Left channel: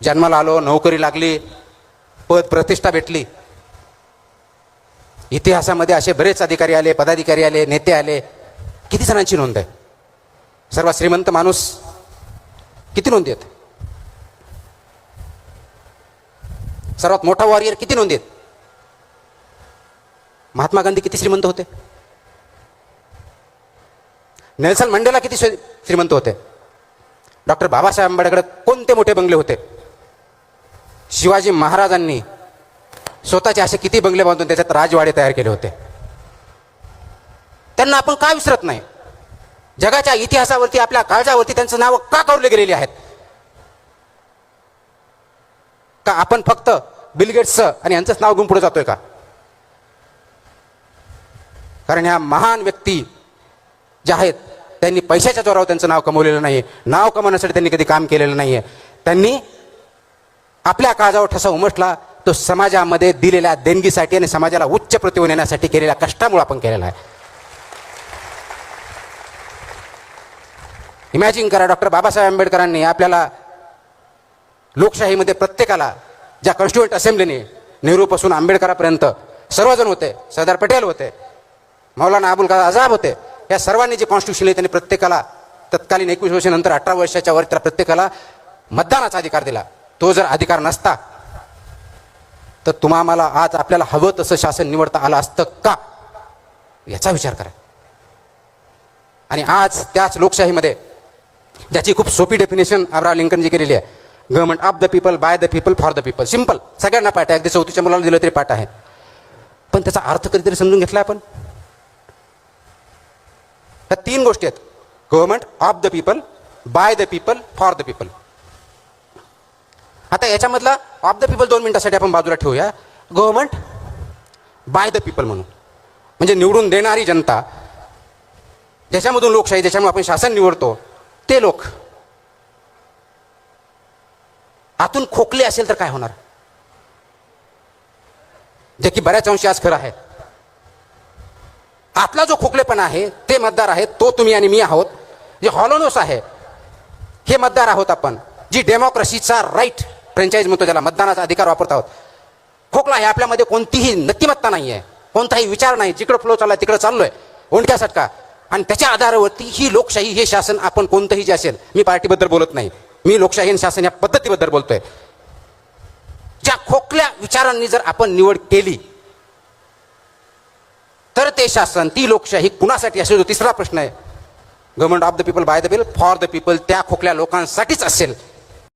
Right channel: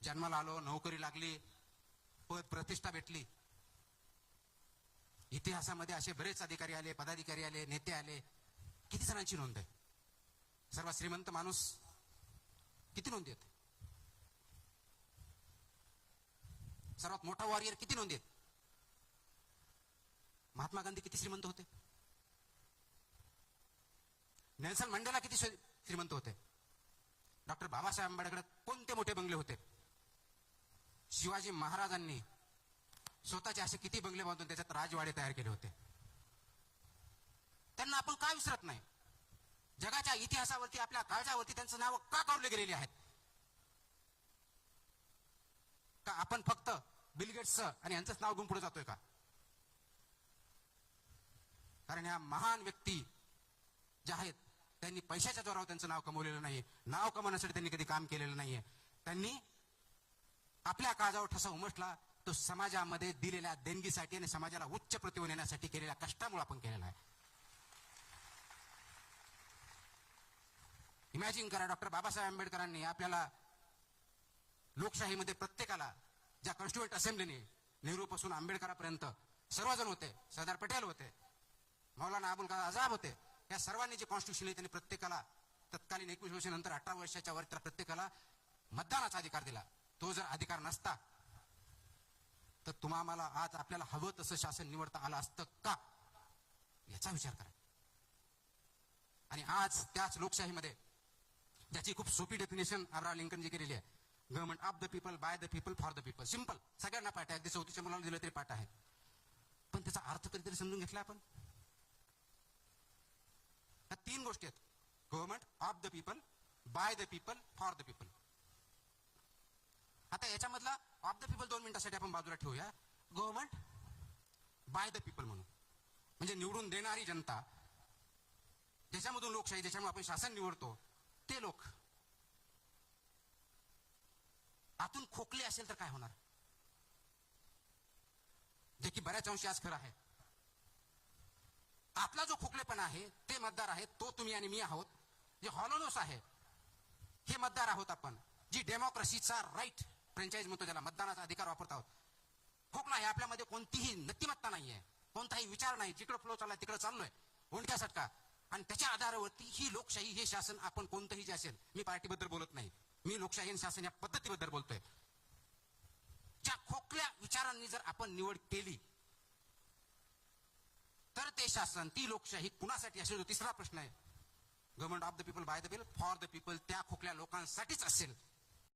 जन्माला आलो, नोकरी लागली, पद प्रतिष्ठा भेटली. इतिहासामध्ये असे बरेच अधिकारी आले, पदाधिकारी आले, नेते आले. किती जणांची नोंद आहे? सर्वात श्रीमंत माणूस किती नोंदी आहेत? सर्वात मोठा वॉरियर किती नोंदी आहेत? महात्मा गांधी किती श्रीमंत होते? नेल्सन मंडेला किती श्रीमंत होते? डॉक्टर बाबासाहेब आंबेडकर कोणते मोठे बंगले होते? शिवाजी महाराजांनी स्वतःचे असे किती बंगले बांधून त्याच्यात राजवाडे तयार केले होते? त्यांना आपण का विसरत नाही? जगाच्या इतिहासावरती, आपल्या काळजावरती त्यांचं नाव का कोरले गेलेली आहेत? का आपण फक्त बिल गेट्स आणि यांचंच नाव घेऊन पुढे जातोय का? कारण ह्या महान व्यक्ती ज्या आहेत त्यांनी पैशाच्या जोरावर त्यांचं नाव कमवलेलं नाही. नाव कमवण्यासाठी त्यांनी कधी काम केलेलं नाहीये. त्यांनी आपल्या काळजावर ठसा उमटला तो समाजामध्ये दिलेल्या देणगीसाठी आणि समाजाला उच्च प्रतिमा येण्यासाठी केलेल्या कष्टामुळे आपण केलेला आहे. इमॅजिन करा, डॉक्टर बाबासाहेब आंबेडकरांनी आपल्याला लोकशाहीमध्ये प्रत्येकाला, ज्या कॉन्स्टिट्युएंट असेंब्लीने नेहरूपासून आंबेडकरापर्यंत सर्वजण होते, सरदार पटेल होते, मौलाना अबुल कलाम आझाद होते, या सर्वांनी जे कॉन्स्टिट्यूशन आहे त्यांनी प्रत्येकाला तत्कालीन 21 वर्षानंतर 18 वर्षाच्या वर त्या प्रत्येकाला मतदानाचा अधिकार दिला. तो जर अधिकार नसता तर तुम्हाला आज आपल्याला हवं तसं शासन निवडता आलं असतं का? याचा विचार करा. आणि आज त्याच लोकशाहीमध्ये ज्याची खूप सोपी डेफिनेशन अब्राहम लिंकनजी केलेली आहे, government of the people, by the people, for the people. Simple, सगळ्यांना पाठ आहे. अगदी 4थीच्या मुलाला दिलं तरी पाठ आहे. पण त्याचा अर्थ कधीतरी समजून घेतला आपण? ह्या 3 गोष्टी आहेत: government of the people, by the people, for the people. आता याच्यामधला ऑफ द पीपल 2 मिनिटासाठी आपण बाजूला ठेवूया. गव्हर्नमेंट बाय द पीपल म्हणून, म्हणजे निवडून देणारी जनता, ज्याच्यामधून लोकशाही, ज्याच्यामुळे आपण शासन निवडतो, ते लोक आतून खोकले असेल तर काय होणार? जे की बऱ्याच अंशी आज खरं आहे. आतला जो खोकलेपणा आहे ते मतदार आहेत, तो तुम्ही आणि मी आहोत. जे हॉलोनोस आहे हे मतदार आहोत आपण. जी डेमोक्रेसीचा राईट, फ्रँचाईज म्हणतो ज्याला, मतदानाचा अधिकार वापरत आहोत. खोकला आहे आपल्यामध्ये, कोणतीही नक्तिमत्ता नाही आहे, कोणताही विचार नाही. जिकडे फ्लो चाललाय तिकडे चाललोय, ओंडक्यासारखा. आणि त्याच्या आधारावरती ही लोकशाही, हे शासन, आपण कोणतंही जे असेल, मी पार्टीबद्दल बोलत नाही, मी लोकशाही आणि शासन या पद्धतीबद्दल बोलतोय. ज्या खोकल्या विचारांनी जर आपण निवड केली तर ते शासन, ती लोकशाही कुणासाठी असेल? जो तिसरा प्रश्न आहे, government of the people, by the people, for the people, त्या खोकल्या लोकांसाठीच असेल.